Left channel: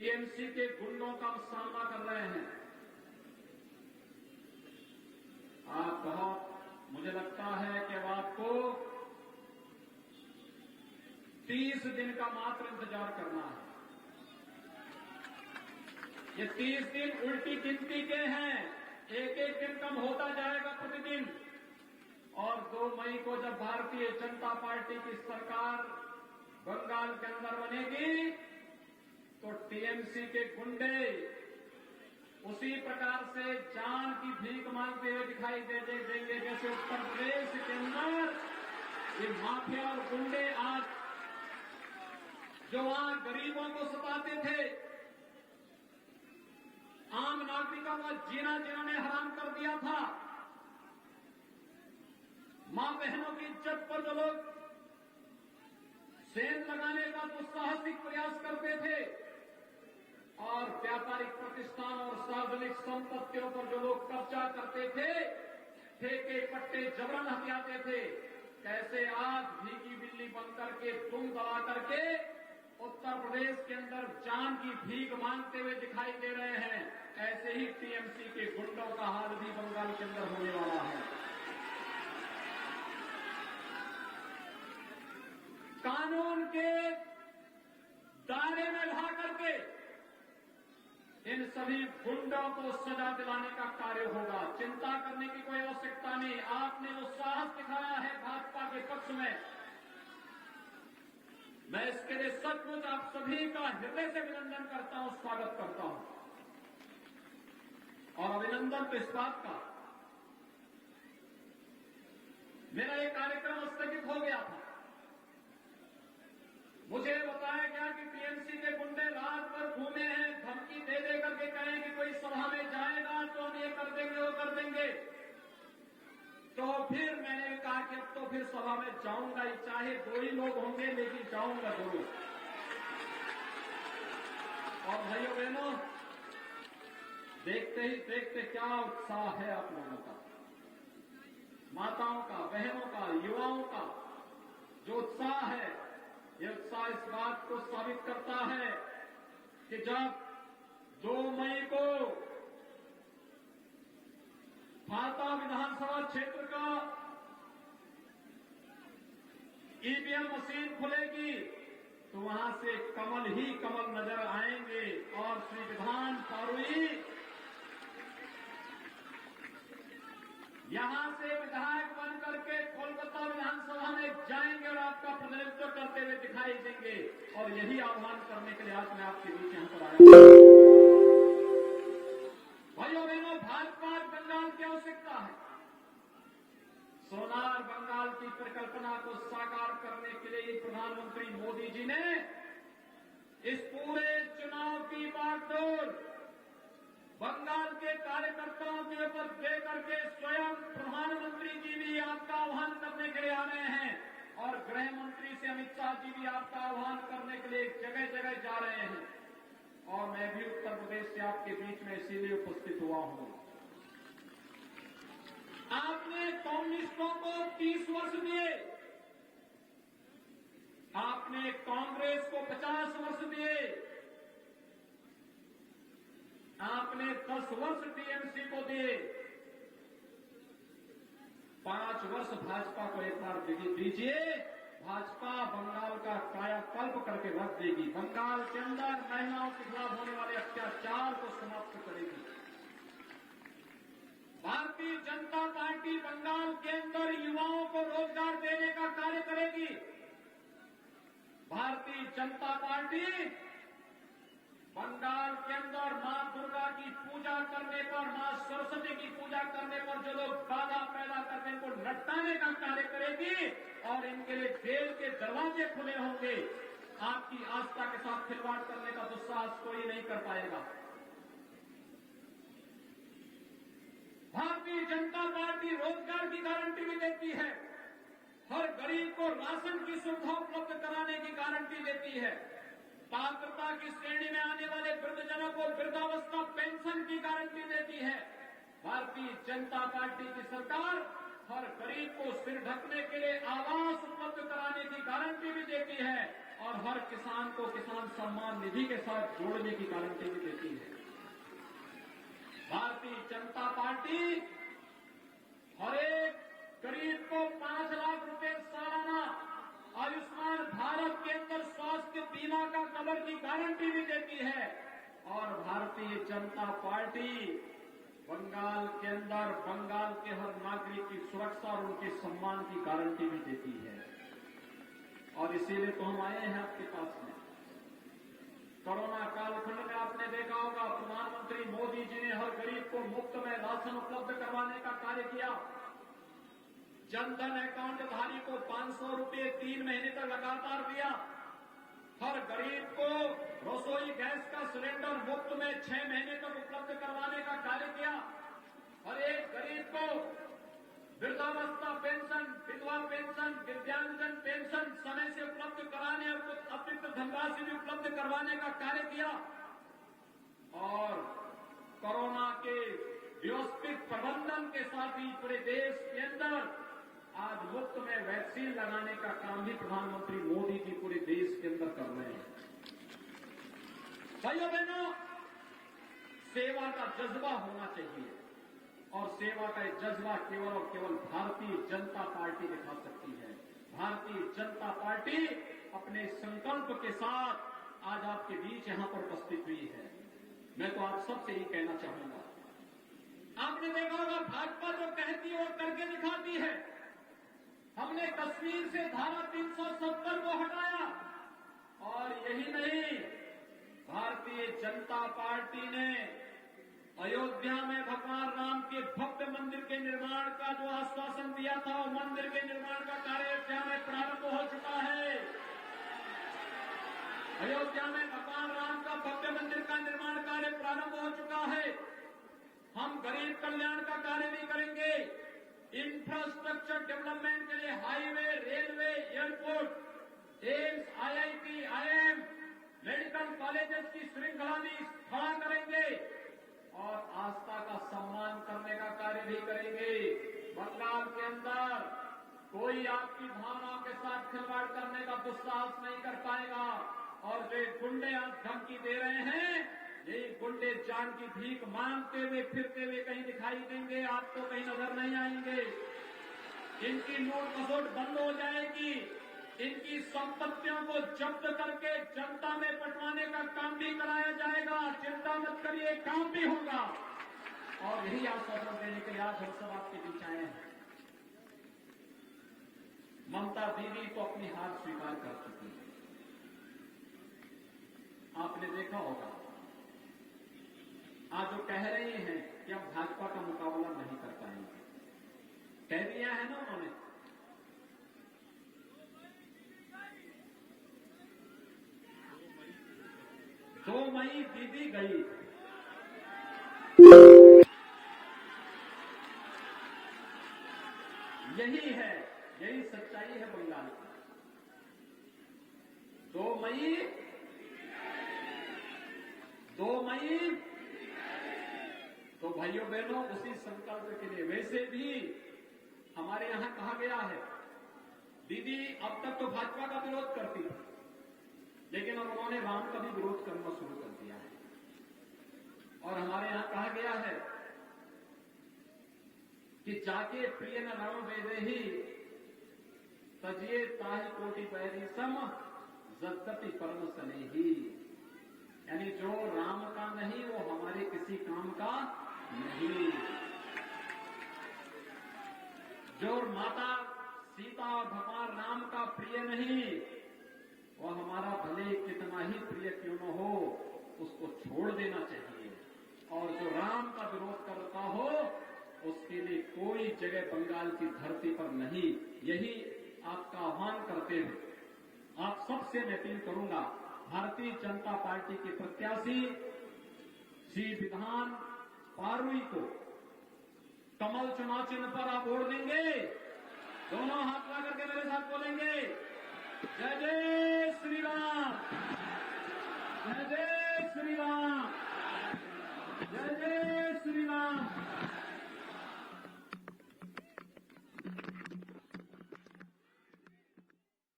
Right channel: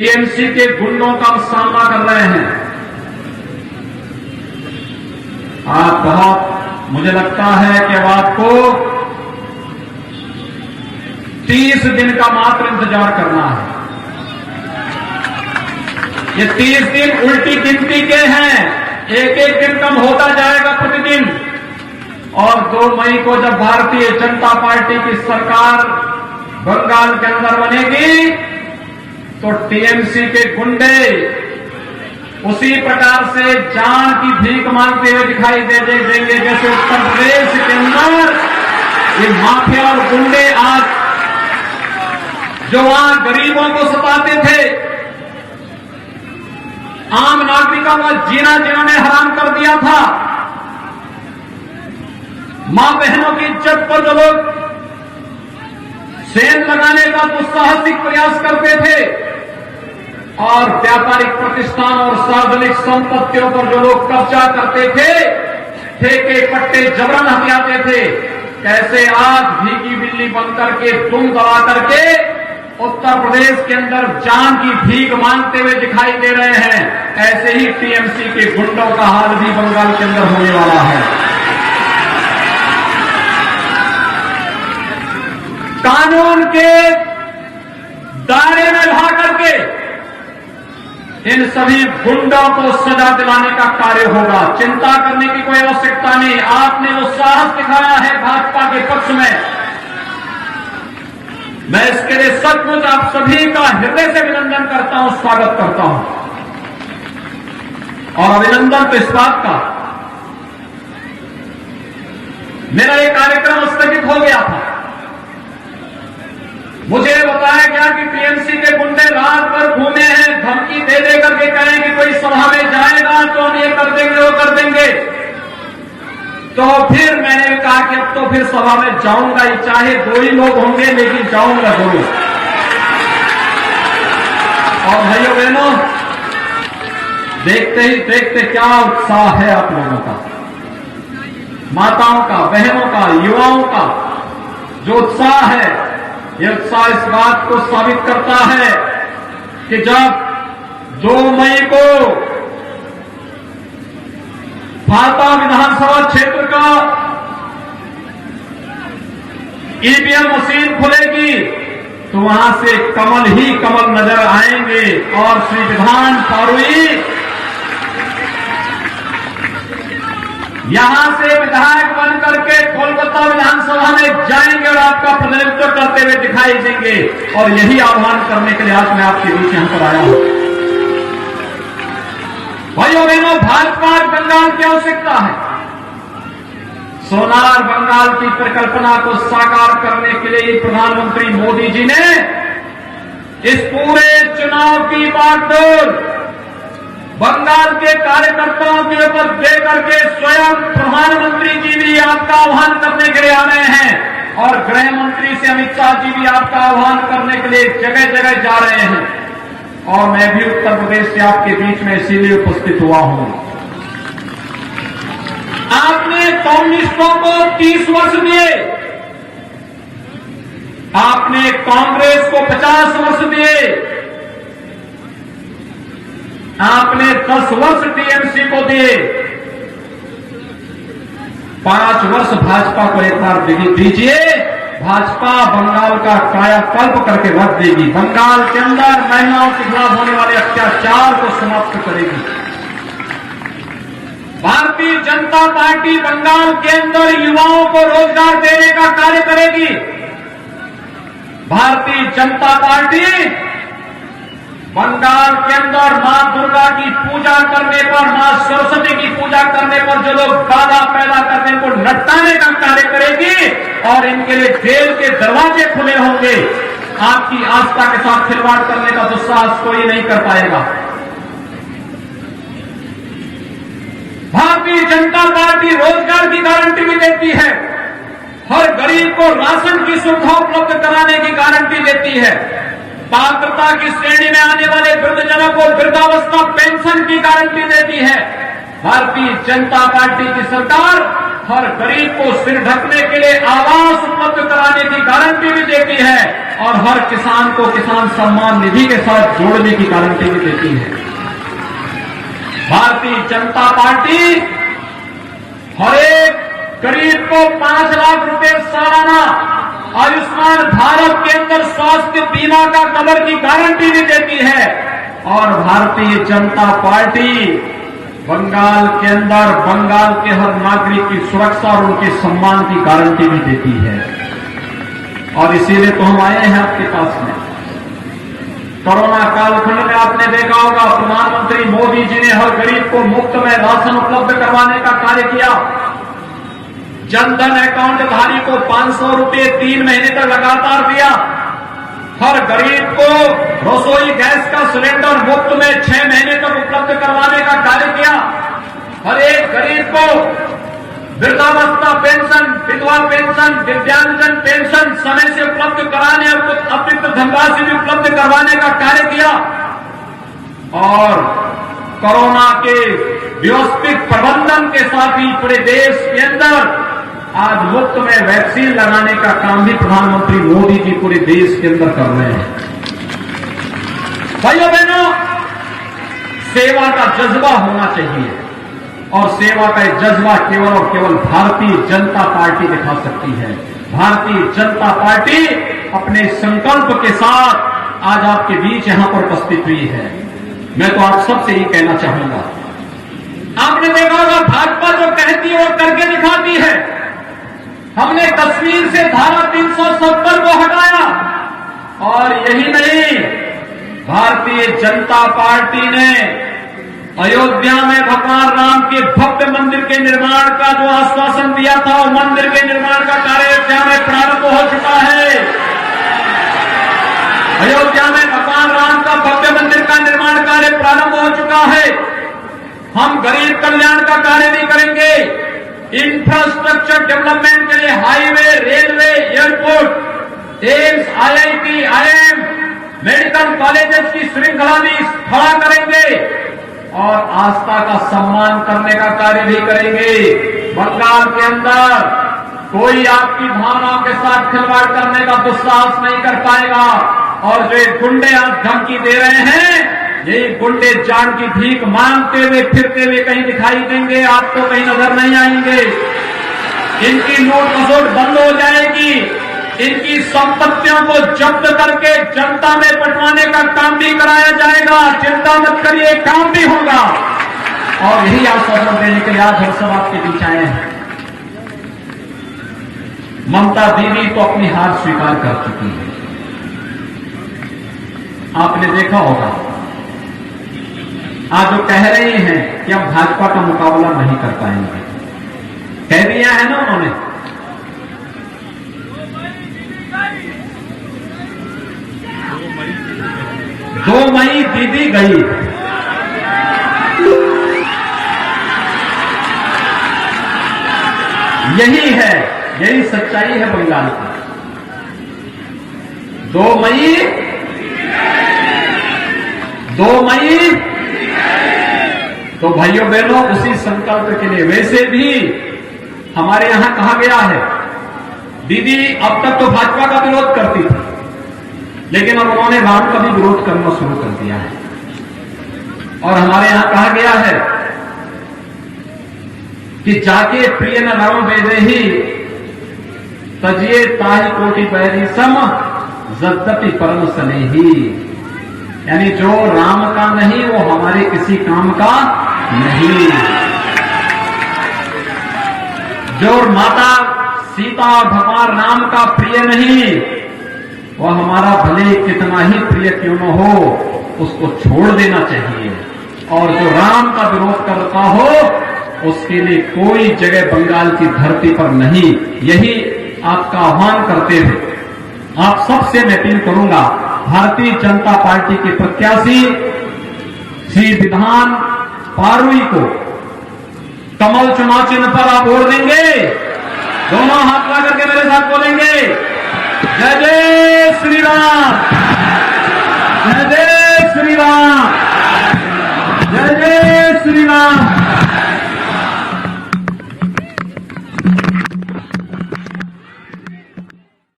TMC के गुंडों का सामना कर रहे हैं। आप बहुत, मुझे लगता है कि अब आपको 30 दिन का मात्र इंतजार करना है। ये 30 दिन उल्टी गिनती के हैं, एक एक दिन कम होता जाएगा प्रतिदिन। और 2 मई को जब भारतीय जनता पार्टी की सरकार बंगाल के अंदर बनेगी तो टीएमसी के गुंडे उसी प्रकार से जान की भीख मांगते हुए दिखाई देंगे जैसे उत्तर प्रदेश के अंदर ये माफिया और गुंडे आज जो वहां गरीबों को सताते थे, आम नागरिकों का जीना जिन्होंने हराम कर दिया था, मां बहनों की इज्जत पर जो लोग सेंध लगाने का दुस्साहसिक प्रयास करते थे और व्यापारिक प्रतिष्ठान और सार्वजनिक संपत्तियों पर जो लोग कब्जा करते थे, ठेके पट्टे जबरन हथियाते थे, कैसे आज भीगी बिल्ली बन करके दुम दबा करके उत्तर प्रदेश के अंदर जान की भीख मांगते हुए दिखाई दे रहे हैं, ऐसे ही टीएमसी के गुंडों का हाल भी बंगाल के अंदर होने वाला है। कानून के दायरे में ला करके इन सभी गुंडों को सजा दिलाने का कार्य होगा। चिंता करने की कोई आवश्यकता नहीं। आपने जो साहस दिखाया है भाजपा के पक्ष में, मैं इसके लिए सचमुच आप सभी का हृदय से अभिनंदन करता हूं, स्वागत करता हूं। और अभिनंदन तो इस बात का, मेरा एक कार्यक्रम स्थगित हो गया था। मुझे बताया गया कि टीएमसी के गुंडे रात भर घूमे हैं, धमकी दे दे करके कहें कि कोई सभा में जाएगा तो हम ये कर देंगे वो कर देंगे। तो फिर मैंने कहा कि अब तो फिर सभा में जाऊंगा ही, चाहे 2 ही लोग होंगे लेकिन जाऊंगा जरूर। और भाइयों बहनों, देखते ही देखते क्या उत्साह है आप लोगों का, माताओं का, बहनों का, युवाओं का जो उत्साह है, ये उत्साह इस बात को साबित करता है कि जब 2 मई को भाता विधानसभा क्षेत्र का ईवीएम मशीन खुलेगी तो वहां से कमल ही कमल नजर आएंगे और श्री विधान फारूई यहां से विधायक बन करके कोलकाता विधानसभा में जाएंगे और आपका प्रतिनिधित्व करते हुए दिखाई देंगे। और यही आह्वान करने के लिए आज मैं आपके बीच यहां पर आया हूं। भाइयों बहनों, भाजपा बंगाल की आवश्यकता है। सोनार बंगाल की परिकल्पना को साकार करने के लिए प्रधानमंत्री मोदी जी ने इस पूरे चुनाव की बागडोर बंगाल के कार्यकर्ताओं के ऊपर दे करके स्वयं प्रधानमंत्री जी भी आपका आह्वान करने के लिए आ रहे हैं और गृह मंत्री से अमित शाह जी भी आपका आह्वान करने के लिए जगह जगह जा रहे हैं। और मैं भी उत्तर प्रदेश से आपके बीच में इसीलिए उपस्थित हुआ हूं। आपने कम्युनिस्टों को 30 वर्ष दिए, आपने कांग्रेस को 50 वर्ष दिए, आपने 10 वर्ष टीएमसी को दिए, 5 वर्ष भाजपा को एक बार दीजिए। भाजपा बंगाल का कायाकल्प करके रख देगी, बंगाल के अंदर महिलाओं के खिलाफ होने वाले अत्याचार को समाप्त करेगी। भारतीय जनता पार्टी बंगाल के अंदर युवाओं को रोजगार देने का कार्य करेगी। भारतीय जनता पार्टी बंगाल के अंदर मां दुर्गा की पूजा करने पर, मां सरस्वती की पूजा करने पर जो लोग बाधा पैदा करने को नटाने का कार्य करेगी और इनके लिए जेल के दरवाजे खुले होंगे। आपकी आस्था के साथ खिलवाड़ करने का दुस्साहस कोई नहीं कर पाएगा। भारतीय जनता पार्टी रोजगार की गारंटी भी देती है, हर गरीब को राशन की सुविधा उपलब्ध कराने की गारंटी देती है, पात्रता की श्रेणी में आने वाले वृद्धजनों को वृद्धावस्था पेंशन की गारंटी देती है। भारतीय जनता पार्टी की सरकार हर गरीब को सिर ढकने के लिए आवास उपलब्ध कराने की गारंटी भी देती है और हर किसान को किसान सम्मान निधि के साथ जोड़ने की गारंटी भी देती है। भारतीय जनता पार्टी हर एक गरीब को 5 लाख रुपए सालाना आयुष्मान भारत के अंदर स्वास्थ्य बीमा का कवर की गारंटी भी देती है। और भारतीय जनता पार्टी बंगाल के अंदर बंगाल के हर नागरिक की सुरक्षा और उनके सम्मान की गारंटी भी देती है। और इसीलिए तो हम आए हैं आपके पास में। कोरोना कालखंड में आपने देखा होगा प्रधानमंत्री मोदी जी ने हर गरीब को मुफ्त में राशन उपलब्ध करवाने का कार्य किया। जनधन अकाउंट धारी को 500 रुपए 3 महीने तक लगातार दिया। हर गरीब को रसोई गैस का सिलेंडर मुफ्त में 6 महीने तक उपलब्ध करवाने का कार्य किया। हर एक गरीब को वृद्धावस्था पेंशन, विधवा पेंशन, दिव्यांगजन पेंशन समय से उपलब्ध कराने और कुछ अतिरिक्त धनराशि भी उपलब्ध करवाने का कार्य किया। और कोरोना के व्यवस्थित प्रबंधन के साथ ही पूरे देश के अंदर आज मुफ्त में वैक्सीन लगाने का काम भी प्रधानमंत्री मोदी जी पूरे देश के अंदर कर रहे हैं। भाइयों बहनों, सेवा का जज्बा होना चाहिए और सेवा का जज्बा केवल और केवल भारतीय जनता पार्टी दिखा सकती है। भारतीय जनता पार्टी अपने संकल्प के साथ आज आपके बीच यहां पर उपस्थित हुई है। मैं तो आप सबसे ही कहना चाहूंगा, आपने देखा होगा भाजपा जो कहती है वो करके दिखाती है। हमने कश्मीर से धारा 370 को हटाया और यही नहीं, भारतीय जनता पार्टी ने अयोध्या में भगवान राम के भव्य मंदिर के निर्माण का जो आश्वासन दिया था, वो मंदिर के निर्माण का कार्य अयोध्या में प्रारंभ हो चुका है। अयोध्या में भगवान राम का भव्य मंदिर का निर्माण कार्य प्रारंभ हो चुका है। हम गरीब कल्याण का कार्य भी करेंगे। इंफ्रास्ट्रक्चर डेवलपमेंट के लिए highway, railway, airport, AIIMS, IIT, IIM, medical colleges की श्रृंखला भी खड़ा करेंगे और आस्था का सम्मान करने का कार्य भी करेंगे। बंगाल के अंदर कोई आपकी भावनाओं के साथ खिलवाड़ करने का दुस्साहस नहीं कर पाएगा। और जो गुंडे आज धमकी दे रहे हैं, यही गुंडे जान की भीख मांगते हुए फिरते हुए कहीं दिखाई देंगे, आपको कहीं नजर नहीं आएंगे। इनकी लूट खसोट बंद हो जाएगी। इनकी संपत्तियों को जब्त करके जनता में बंटवाने का काम भी कराया जाएगा। चिंता मत करिए, काम भी होगा। और यही आश्वासन देने के लिए आज हम सब आपके बीच आए हैं। ममता दीदी तो अपनी हार स्वीकार कर चुकी है। आपने देखा होगा आज जो कह रही हैं कि हम भाजपा का मुकाबला नहीं कर पाएंगे, कह दिया है ना उन्होंने। 2 मई दीदी गई। यही है, यही सच्चाई है बंगाल की। 2 मई तो भाइयों बहनों, उसी संकल्प के लिए वैसे भी हमारे यहां कहा गया है, दीदी अब तक तो भाजपा का विरोध करती थी, लेकिन अब उन्होंने राम का भी विरोध करना शुरू कर दिया है। और हमारे यहां कहा गया है कि जाके प्रिय न राम वेदेही तजिए ताहि कोटि पैरी सम जद्दपि परम स्नेही। यानी जो राम का नहीं वो हमारे किसी काम का नहीं। जो माता सीता और भगवान राम का प्रिय नहीं, वह हमारा भले कितना ही प्रिय क्यों न हो, उसको छोड़ देना चाहिए। और जो राम का विरोध करता हो, उसके लिए कोई जगह बंगाल की धरती पर नहीं। यही आपका आह्वान करते हुए आप सबसे मैं अपील करूंगा, भारतीय जनता पार्टी के प्रत्याशी श्री विधान पारुई को कमल चुनाव चिन्ह पर आप वोट देंगे। दोनों हाथ ला करके मेरे साथ बोलेंगे, जय जय